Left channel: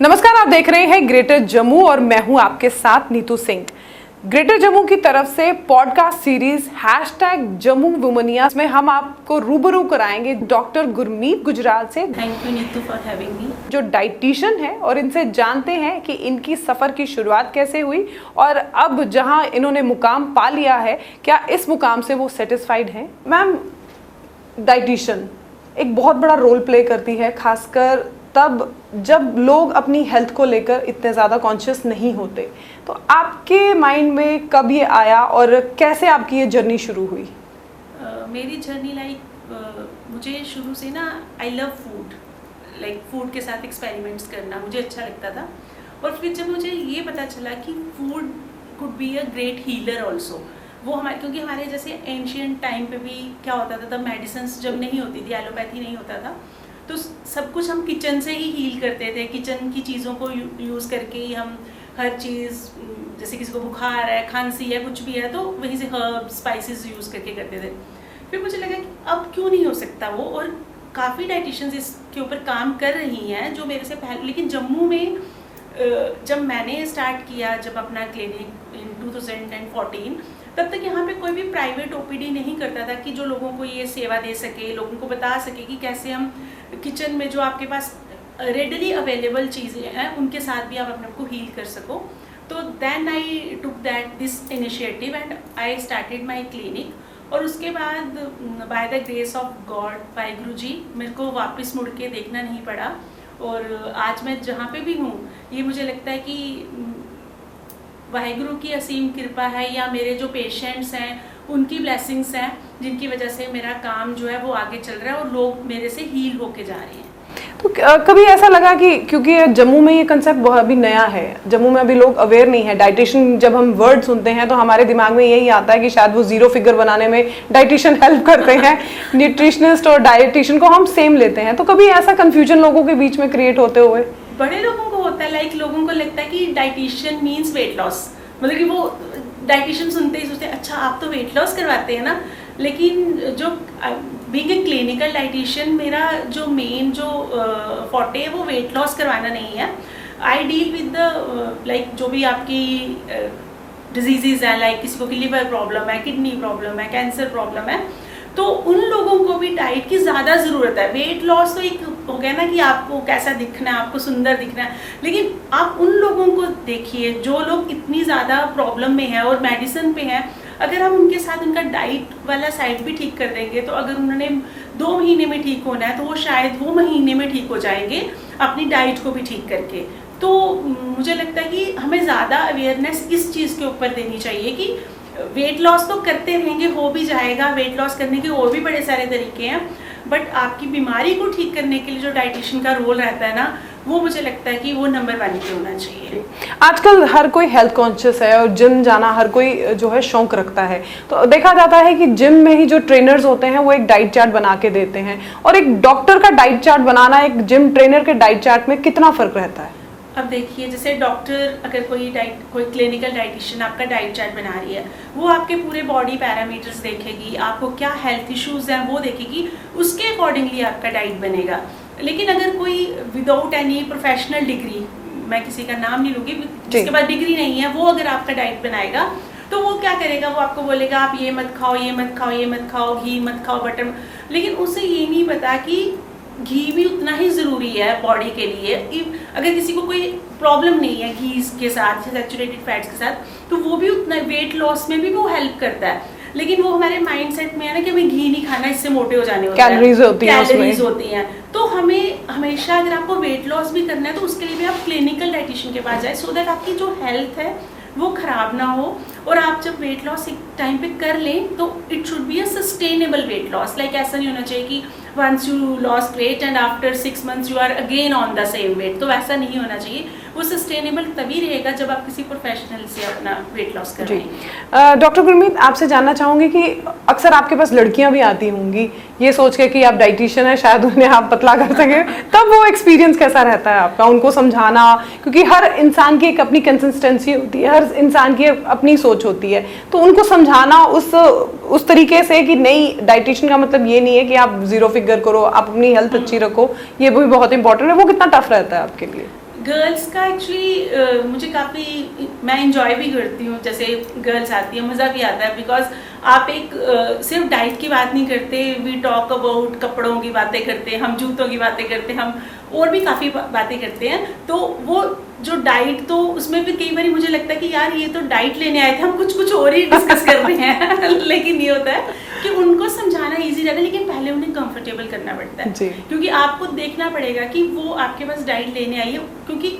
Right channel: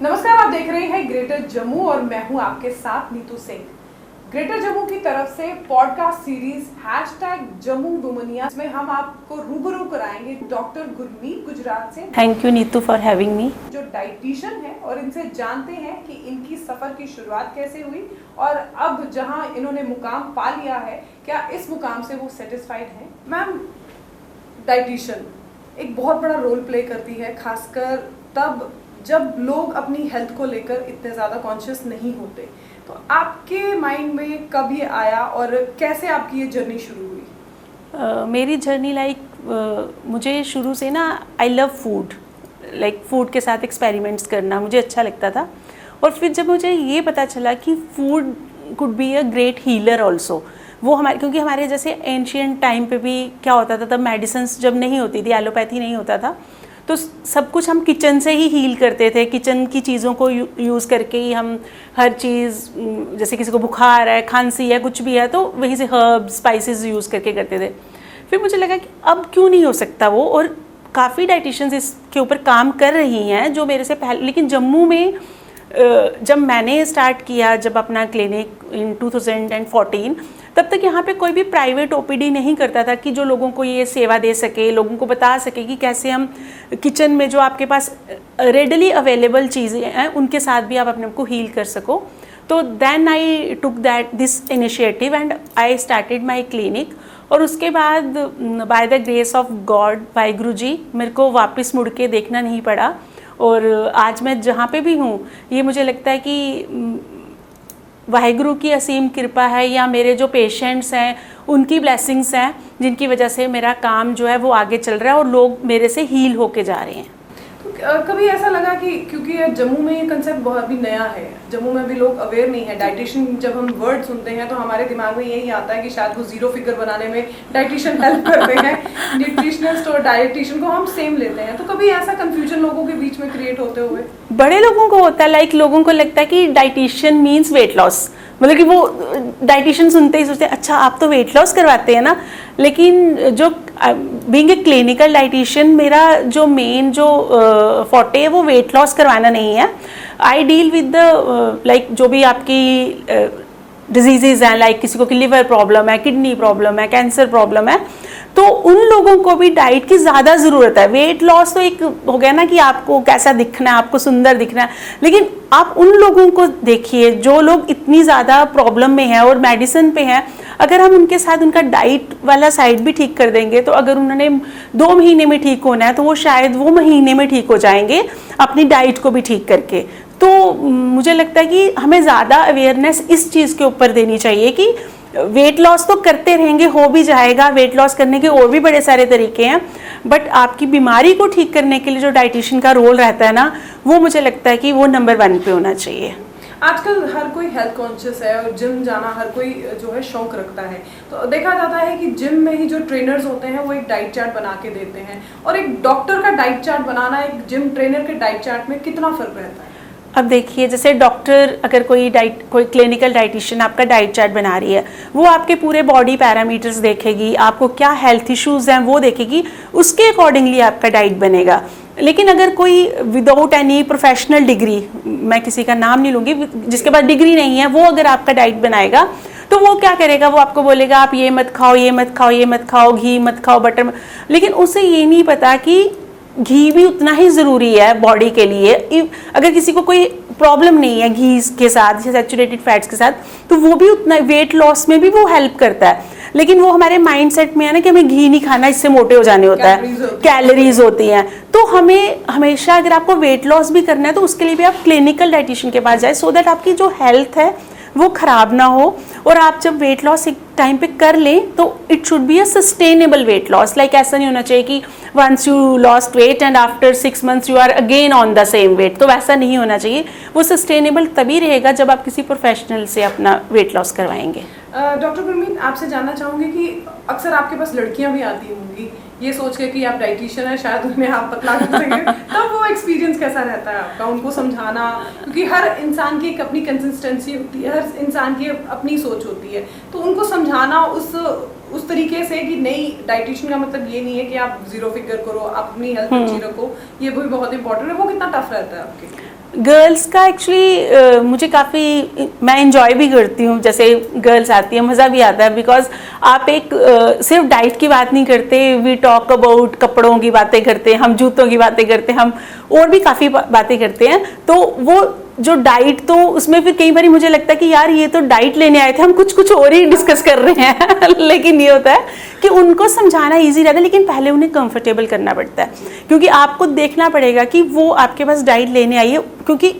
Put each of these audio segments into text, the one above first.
नमस्कार, आप देख रहे हैं ग्रेटर जम्मू और मैं हूं आपके साथ नीतू सिंह। ग्रेटर जम्मू की तरफ से पॉडकास्ट सीरीज #जम्मू वुमनिया में हम आपको रूबरू कराएंगे डॉक्टर गुरमीत गुजराल से। Thank you Neetu for having me. जो डाइटिशियन है और इनसे जानते हैं कि इनकी सफर की शुरुआत कैसे हुई और अब जहां इन्होंने मुकाम पा लिया है, क्या इस मुकाम से वो सेटिस्फाइड हैं। मैम, डाइटिशियन एक बहुत बड़ा रोल प्ले करती है, खासकर तब जब लोग अपनी हेल्थ को लेकर इतने ज़्यादा कॉन्शियस नहीं होते। तो आपके माइंड में कब ये आया और कैसे आपकी ये जर्नी शुरू हुई? मेरी जर्नी मुझे शुरू से ना आई लव फूड, फूड के साथ एक्सपेरिमेंट्स करना मुझे अच्छा लगता था। और फिर जब मुझे ये पता चला कि food could be a great healer also, वो क्योंकि हमारे जैसे एंशियंट टाइम पे भी क्या होता था, तब मेडिसिन्स जब नहीं होती थी, एलोपैथी नहीं होता था, तो सब कुछ हम किचन से ही हील करते थे। किचन की चीज़ों को यूज़ करके ही हम हर चीज़, जैसे किसी को बुखार है, खांसी है, कुछ भी है, तो वहीं से हर्ब स्पाइसेस यूज़ करके करते थे। फिर मुझे लगा कि अब क्यों नहीं हो सकता वो, और काफ़ी डाइटिशियंस इसके ऊपर काम कर रही हैं जो मेरे से पहले। लेकिन जम्मू में जब मैंने स्टार्ट किया, जब अपना क्लिनिक इन 2014, तब तक यहाँ पे कोई भी प्राइवेट ओपीडी नहीं करता था कि जो लोगों को ये सेवा दे सके, लोगों को बता सके कि कैसे हम किचन में जो आपके पास रेडली अवेलेबल चीज़ें हैं उनके साथ भी आप अपने को हील कर सको। तो then I took this initiative and I started my clinic. और उसके बाद by the grace of God, Waheguru ji, मेरे को वापस मुड़ के देखना नहीं पड़ा। और आज मैं जहाँ पे भी हूँ, ये मुझे लगता है कि वाहिगुरु की असीम कृपा है या मेरे जो पेशेंट्स हैं उनकी ब्लेसिंग्स हैं, जिनकी वजह से मेरा काम जो है वो आगे चल रहा है और लोग मेरे से हील होके जा रहे हैं। तो कभी ऐसा लगा कि क्योंकि जम्मू में ये कंसेप्ट बहुत अभी नया है, जम्मू में अभी लोग अवेयर नहीं है डाइटिशियन, जब हम वर्ड सुनते हैं तो हमारे दिमाग में यही आता है कि शायद वो जीरो फिगर बनाने में डाइटिशियन हेल्प करते हैं। न्यूट्रिशनिस्ट और डाइटिशियन को हम सेम लेते हैं। तो कभी ऐसा कंफ्यूजन लोगों के बीच में क्रिएट होते हुए? बड़े लोगों को होता है, लोगों को लगता है कि डाइटिशियन मीन्स वेट लॉस, मतलब कि वो डाइटिशियन सुनते ही सोचते हैं अच्छा आप तो वेट लॉस करवाते हैं ना। लेकिन जो बीइंग ए क्लिनिकल डाइटिशियन, मेरा जो मेन जो फोर्टे है वो वेट लॉस करवाना नहीं है। आई डील विद द जो भी आपकी डिजीजेज हैं, किसी को लिवर प्रॉब्लम है, किडनी प्रॉब्लम है, कैंसर प्रॉब्लम है, तो उन लोगों को भी डाइट की ज़्यादा ज़रूरत है। वेट लॉस तो एक हो गया ना कि आपको कैसा दिखना है, आपको सुंदर दिखना है, लेकिन आप उन लोगों को देखिए जो लोग इतनी ज़्यादा प्रॉब्लम में है और मेडिसिन पे हैं। अगर हम उनके साथ उनका डाइट वाला साइड भी ठीक कर देंगे, तो अगर उन्होंने 2 महीने में ठीक होना है तो वो शायद वो महीने में ठीक हो जाएंगे अपनी डाइट को भी ठीक करके। तो मुझे लगता है कि हमें ज़्यादा अवेयरनेस इस चीज़ के ऊपर देनी चाहिए कि वेट लॉस तो करते रहेंगे, हो भी जाएगा। वेट लॉस करने के और भी बड़े सारे तरीके हैं, बट आपकी बीमारी को ठीक करने के लिए जो डाइटिशियन का रोल रहता है ना, वो मुझे लगता है कि वो नंबर 1 पे होना चाहिए। आजकल हर कोई हेल्थ कॉन्शियस है और जिम जाना हर कोई जो है शौक रखता है। तो देखा जाता है कि जिम में ही जो ट्रेनर्स होते हैं वो एक डाइट चार्ट बना के देते हैं, और एक डॉक्टर का डाइट चार्ट बनाना एक जिम ट्रेनर के डाइट चार्ट में कितना फर्क रहता है? अब देखिए, जैसे डॉक्टर, अगर कोई क्लिनिकल डाइटिशियन आपका डाइट चार्ट बना रही है, वो आपके पूरे बॉडी पैरामीटर्स देखेगी, आपको क्या हेल्थ इश्यूज हैं वो देखेगी, उसके अकॉर्डिंगली आपका डाइट बनेगा। लेकिन अगर कोई विदाउट एनी प्रोफेशनल डिग्री, मैं किसी का नाम नहीं लूँगी, जिसके पास डिग्री नहीं है, वो अगर आपका डाइट बनाएगा तो वो क्या करेगा, वो आपको बोलेगा आप ये मत खाओ, ये मत खाओ, ये मत खाओ, घी मत खाओ, बटर। लेकिन उसे ये नहीं पता कि घी भी उतना ही ज़रूरी है बॉडी के लिए। अगर किसी को कोई प्रॉब्लम नहीं है घी के साथ, सैचुरेटेड फैट्स के साथ, तो वो भी उतना वेट लॉस में भी वो हेल्प करता है। लेकिन वो हमारे माइंडसेट में है ना कि हमें घी नहीं खाना, इससे मोटे हो जाने होता है, कैलोरीज होती हैं। तो हमें हमेशा, अगर आपको वेट लॉस भी करना है तो उसके लिए भी आप क्लिनिकल डाइटिशियन के पास जाए, सो दैट आपकी जो हेल्थ है वो खराब ना हो। और आप जब वेट लॉस एक टाइम पे कर लें तो it should be a sustainable weight loss. ऐसा नहीं होना चाहिए कि once you lost weight and after 6 months you are again on the same weight, तो वैसा नहीं होना चाहिए। वो सस्टेनेबल तभी रहेगा जब आप किसी प्रोफेशनल से अपना वेट लॉस करवाएंगे। डॉक्टर गुरमीत, आपसे जानना चाहूँगी कि अक्सर आपके पास लड़कियां भी आती होंगी ये सोच के कि आप डाइटिशियन है, शायद उन्हें आप पतला कर सकें, तब वो एक्सपीरियंस कैसा रहता है आपका उनको समझाना? क्योंकि हर इंसान की एक अपनी कंसिस्टेंसी होती है, हर इंसान की अपनी सोच होती है, तो उनको समझाना उस तरीके से कि नहीं, डाइटिशियन का मतलब ये नहीं है कि आप जीरो फिगर करो, आप अपनी हेल्थ अच्छी रखो, ये भी बहुत इंपॉर्टेंट है, वो कितना टफ रहता है आपके लिए? गर्ल्स का एक्चुअली मुझे काफ़ी मैं इंजॉय भी करती हूँ, जैसे गर्ल्स आती है मज़ा भी आता है, बिकॉज आप एक सिर्फ डाइट की बात नहीं करते, वी टॉक अबाउट कपड़ों की बातें करते हैं, हम जूतों की बातें करते हैं, हम और भी काफ़ी बातें करते हैं। तो वो जो डाइट, तो उसमें फिर कई बार मुझे लगता है कि यार ये तो डाइट लेने आए थे, हम कुछ और ही डिस्कस कर रहे हैं लेकिन ये होता है कि उनको समझाना इजी रहता है, लेकिन पहले उन्हें कंफर्टेबल करना पड़ता है, क्योंकि आपको देखना पड़ेगा कि वो आपके पास डाइट लेने आई है। क्योंकि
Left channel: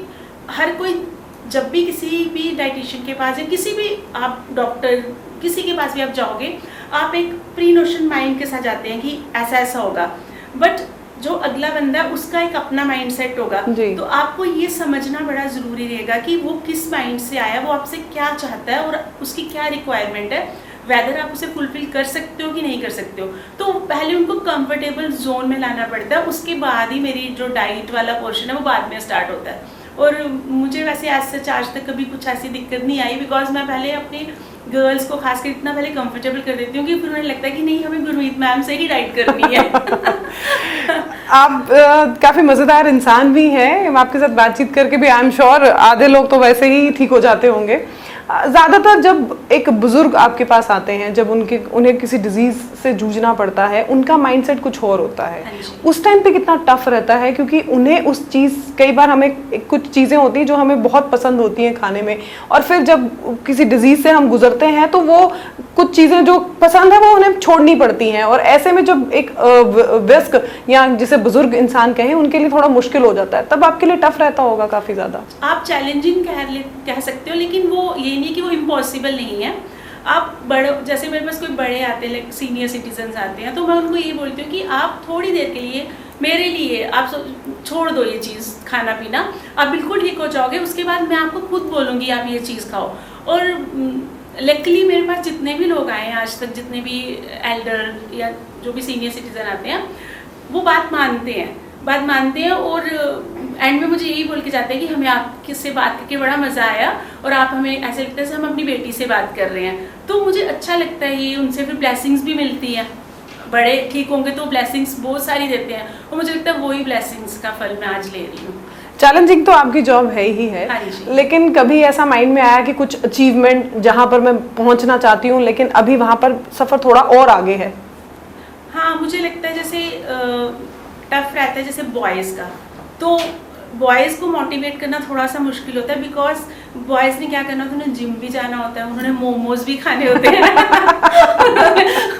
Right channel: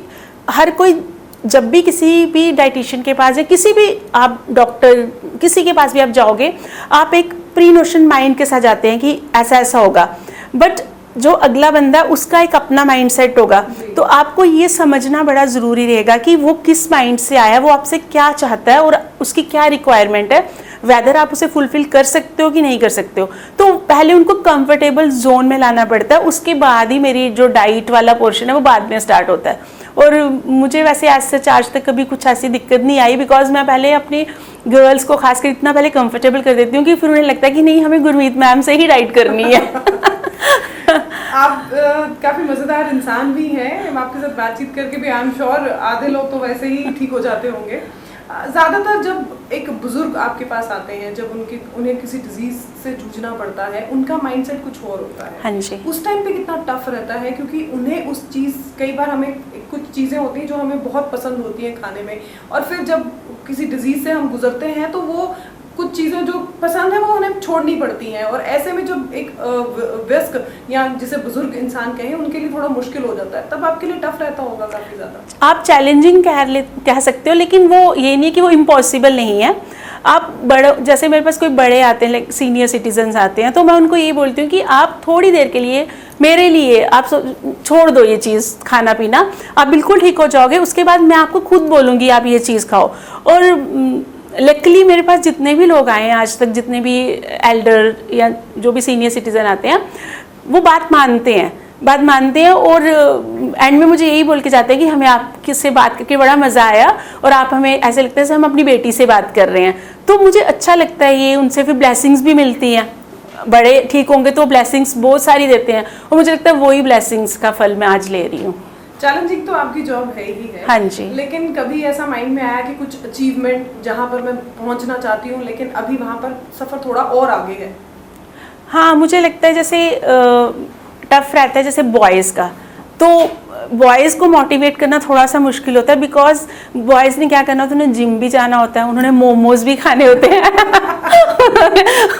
हर कोई जब भी किसी भी डाइटिशियन के पास या किसी भी आप डॉक्टर किसी के पास भी आप जाओगे, आप एक प्री नोशन माइंड के साथ जाते हैं कि ऐसा ऐसा होगा, बट जो अगला बंदा है उसका एक अपना माइंड सेट होगा। तो आपको ये समझना बड़ा ज़रूरी रहेगा कि वो किस माइंड से आया, वो आपसे क्या चाहता है और उसकी क्या रिक्वायरमेंट है, वेदर आप उसे फुलफिल कर सकते हो कि नहीं कर सकते हो। तो पहले उनको कंफर्टेबल जोन में लाना पड़ता है, उसके बाद ही मेरी जो डाइट वाला पोर्शन है वो बाद में स्टार्ट होता है। और मुझे वैसे आज तक कभी कुछ ऐसी दिक्कत नहीं आई, बिकॉज मैं पहले अपनी गर्ल्स को खासकर इतना पहले कंफर्टेबल कर देती हूँ कि फिर उन्हें लगता है कि नहीं, हमें गुरमीत मैम से ही डाइट करनी है। आप काफी मजेदार इंसान भी हैं, आपके साथ बातचीत करके भी आई एम श्योर आधे लोग तो वैसे ही ठीक हो जाते होंगे। ज़्यादातर जब एक बुजुर्ग आपके पास आते हैं, जब उन्हें किसी डिजीज से जूझना पड़ता है, उनका माइंडसेट कुछ और होता है। हाँ जी। उस टाइम पे कितना टफ रहता है, क्योंकि उन्हें उस चीज़, कई बार हमें कुछ चीज़ें होती हैं जो हमें बहुत पसंद होती हैं खाने में, और फिर जब किसी डिजीज से हम गुजरते हैं तो वो कुछ चीज़ें जो पसंद है वो उन्हें छोड़नी पड़ती हैं, और ऐसे में जब एक वयस्क या जिसे बुजुर्ग इंसान कहें उनके लिए थोड़ा मुश्किल हो जाता है, तब आपके लिए टफ रहता होगा काफ़ी ज़्यादा। आप चैलेंजिंग कह सकते हो, लेकिन वो ये नहीं कि वो इम्पॉसिबल नहीं है। आप बड़े, जैसे मेरे पास कोई बड़े आते हैं, लाइक सीनियर सिटीजन्स आते हैं, तो मैं उनको ये बोलती हूँ कि आप थोड़ी देर के लिए मेरे लिए आप छोड़ दो ये चीज़ खाना पीना, आप बिल्कुल ठीक हो जाओगे, उसके बाद मैं आपको खुद बोलूँगी आप ये चीज़ खाओ। और लकीली मेरे पास जितने भी लोग आए हैं आज तक, जितने भी एल्डर या जो भी सीनियर सिटीजन आते हैं, वो बात मानते हैं और एंड में मुझे यही बोल के जाते हैं कि हमें आपसे बात करके बड़ा मज़ा आया, और आप हमें ऐसे लगता है जैसे हम अपनी बेटी से बात कर रहे हैं। तो मुझे अच्छा लगता है ये, उनसे फिर ब्लेसिंग्स भी मिलती हैं। बड़े ठीक होंगे तो ब्लेसिंग्स बहुत सारी देते हैं, और मुझे लगता है वही ब्लेसिंग्स का फल मैं आज ले रही हूँ। चैलेंजिंग तो आपकी जॉब है ही है। हाँ जी। लेकिन कभी ऐसा माइंड में आया कि कुछ अचीवमेंट जहाँ पर मैं पहुँचना चाहती हूँ, लेकिन अभी वहाँ पर सफ़र थोड़ा और आगे है? हाँ, मुझे लगता है जैसे टफ रहता है जैसे बॉयज़ का, तो बॉयज़ को मोटिवेट करना थोड़ा सा मुश्किल होता है, बिकॉज बॉयज़ ने क्या करना होता है, उन्हें जिम भी जाना होता है, उन्होंने मोमोज भी खाने होते हैं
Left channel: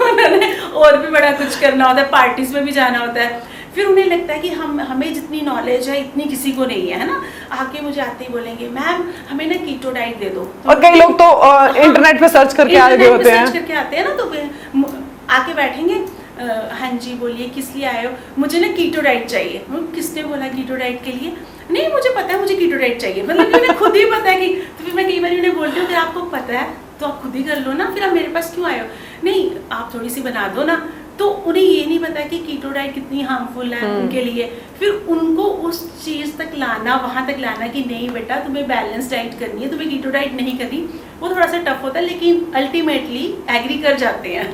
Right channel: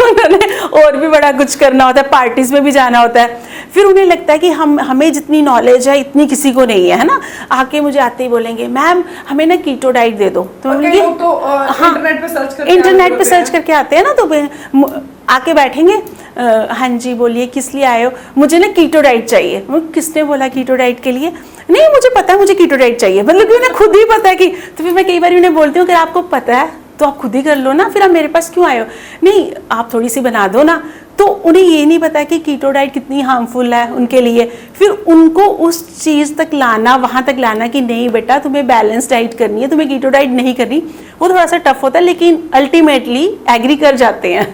उन्होंने और भी बड़ा कुछ करना होता है, पार्टीज में भी जाना होता है। फिर उन्हें लगता है कि हमें जितनी नॉलेज है इतनी किसी को नहीं है ना। आके मुझे आते ही बोलेंगे मैम हमें ना कीटो डाइट दे दो। तो और कई लोग तो इंटरनेट पे सर्च करके आते हैं ना, तो आके बैठेंगे, हाँ जी बोलिए किस लिए आए हो, मुझे ना कीटो डाइट चाहिए। किसने बोला कीटो डाइट के लिए? नहीं मुझे पता है मुझे कीटो डाइट चाहिए, मतलब उन्हें खुद ही पता है कि। तो फिर मैं कई बार उन्हें बोलती हूँ कि आपको पता है तो आप खुद ही कर लो ना, फिर आप मेरे पास क्यों आए हो? नहीं आप थोड़ी सी बना दो ना। तो उन्हें ये नहीं पता कि कीटो डाइट कितनी हार्मफुल है उनके लिए। फिर उनको उस चीज़ तक लाना, वहाँ तक लाना कि नहीं बेटा तुम्हें बैलेंस डाइट करनी है, तुम्हें कीटो डाइट नहीं करनी, वो थोड़ा सा टफ होता है, लेकिन अल्टीमेटली एग्री कर जाते हैं।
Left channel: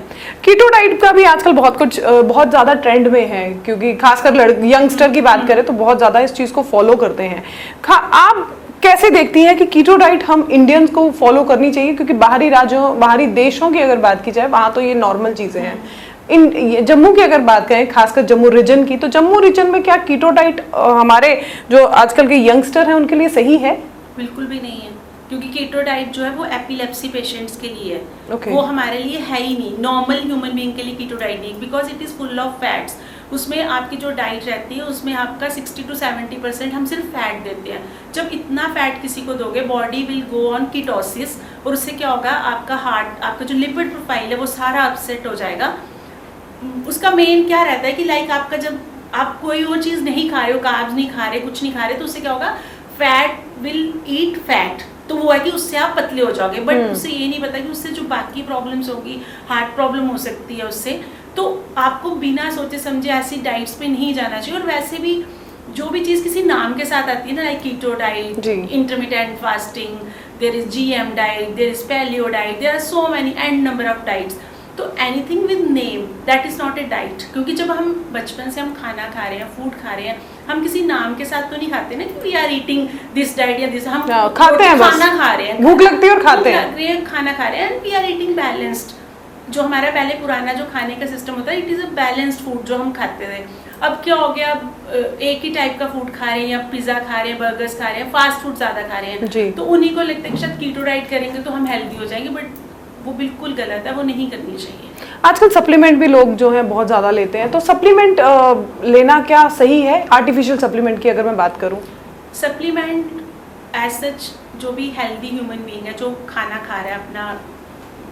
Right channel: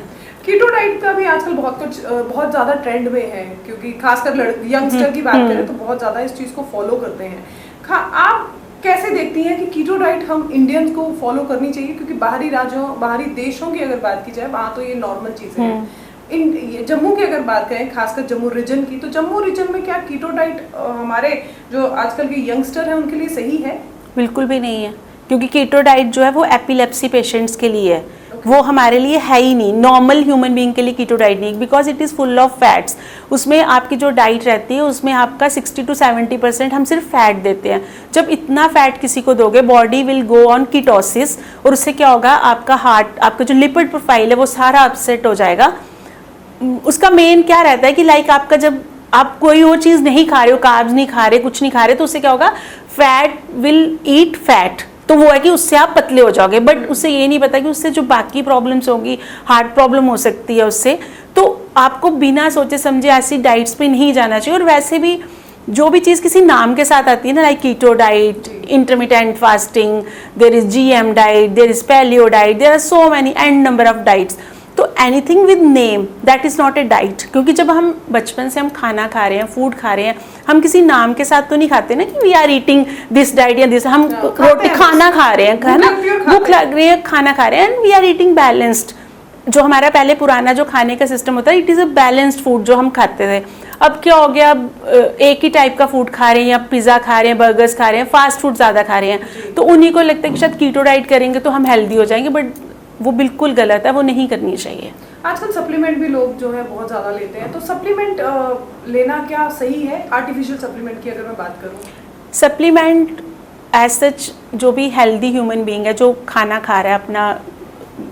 कीटो डाइट का भी आजकल बहुत ज़्यादा ट्रेंड में है, क्योंकि खासकर यंगस्टर की बात करें तो बहुत ज़्यादा इस चीज़ को फॉलो करते हैं। आप कैसे देखती हैं कि कीटो डाइट हम इंडियंस को फॉलो करनी चाहिए? क्योंकि बाहरी राज्यों, बाहरी देशों की अगर बात की जाए वहाँ तो ये नॉर्मल चीज़ें हैं। जम्मू की अगर बात करें, खासकर जम्मू रीजन की, तो जम्मू रीजन में क्या कीटो डाइट हमारे जो आजकल के यंगस्टर हैं उनके लिए सही है? बिल्कुल भी नहीं है, क्योंकि कीटो डाइट जो है वो एपिलेप्सी पेशेंट्स के लिए है। वो हमारे लिए है ही नहीं, नॉर्मल ह्यूमन बीइंग के लिए कीटो डाइट नहीं, because it is full of fats. उसमें आपकी जो डाइट रहती है उसमें आपका 60 to 70% हम सिर्फ फैट देते हैं। जब इतना फैट किसी को दोगे, body will go on ketosis, और उससे क्या होगा, आपका हार्ट, आपका जो लिपिड प्रोफाइल है वो सारा अपसेट हो जाएगा। उसका मेन क्या रहता है कि लाइक आपका जब आप कोई और चीज़ नहीं खा रहे हो, कार्ब्स नहीं खा रहे, कुछ नहीं खा रहे, तो उससे क्या होगा, फैट विल ईट फैट, तो वो है कि उससे आप पतले हो जाओगे। बट उससे ये नहीं पता कि उससे जो बाकी प्रॉब्लम्स होगी, हार्ट प्रॉब्लम हो सकती है उससे। तो आपको बिना सोचे समझे ऐसी डाइट्स पे नहीं जाना चाहिए। और वैसे भी जो भी चीज़ किसी नाम के साथ आती है ना, like keto diet, intermittent fasting, there is GM diet, there is paleo diet, there are so many and number of diets. तो anything with name that is not a diet, क्योंकि जब हम बचपन से हम खाना खा रहे हैं, फूड खा रहे हैं, हम किसी नाम के साथ तो नहीं खाते ना कि we are eating this diet या दिस, हम खाते हैं, खाना खा रहे हैं, भूख लगती है और खाते हैं, भूख लग रही है, खाना खा रहे हैं, and we are eating balanced. जो हमारा पहले पुराना जो खाने का सिस्टम होता है, it is a balanced food जो हम खाते थे। अब क्या हो गया, अब एक ही टाइप का फूड खा रहे हैं, या पिज़्ज़ा खा रहे हैं, बर्गर्स खा रहे हैं, फास्ट फूड ज़्यादा खा रहे हैं, तो उन्हीं को लगता है कि शायद कीटो डाइट करेंगे तो हम हेल्दी हो जाएंगे, बट वो बिल्कुल गलत है, वो नहीं करनी चाहिए। आजकल सप्लीमेंट भी लोग जो है बहुत ज़्यादा लेते हैं, तो सप्लीमेंट लेना क्या सही है? आर्टिफिशियल सप्लीमेंट की अगर मैं बात करूँ, सप्लीमेंट एज सच जो भी हेल्दी ह्यूमन बीइंग है, जो खाना खा रहा है,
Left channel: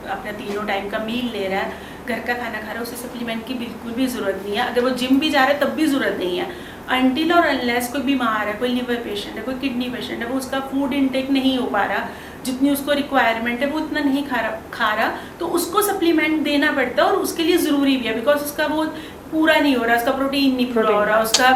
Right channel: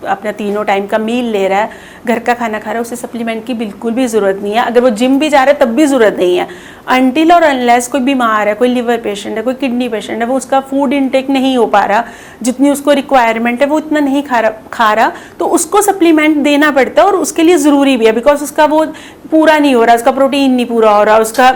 अपना तीनों टाइम का मील ले रहा है, घर का खाना खा रहा है, उसे सप्लीमेंट की बिल्कुल भी ज़रूरत नहीं है। अगर वो जिम भी जा रहा है तब भी ज़रूरत नहीं है, अनटिल और अनलेस कोई बीमार है, कोई लिवर पेशेंट है, कोई किडनी पेशेंट है, वो उसका फूड इनटेक नहीं हो पा रहा, जितनी उसको रिक्वायरमेंट है वो इतना नहीं खा रहा, तो उसको सप्लीमेंट देना पड़ता है, और उसके लिए ज़रूरी भी है, बिकॉज उसका वो पूरा नहीं हो रहा, उसका प्रोटीन नहीं पूरा हो रहा, उसका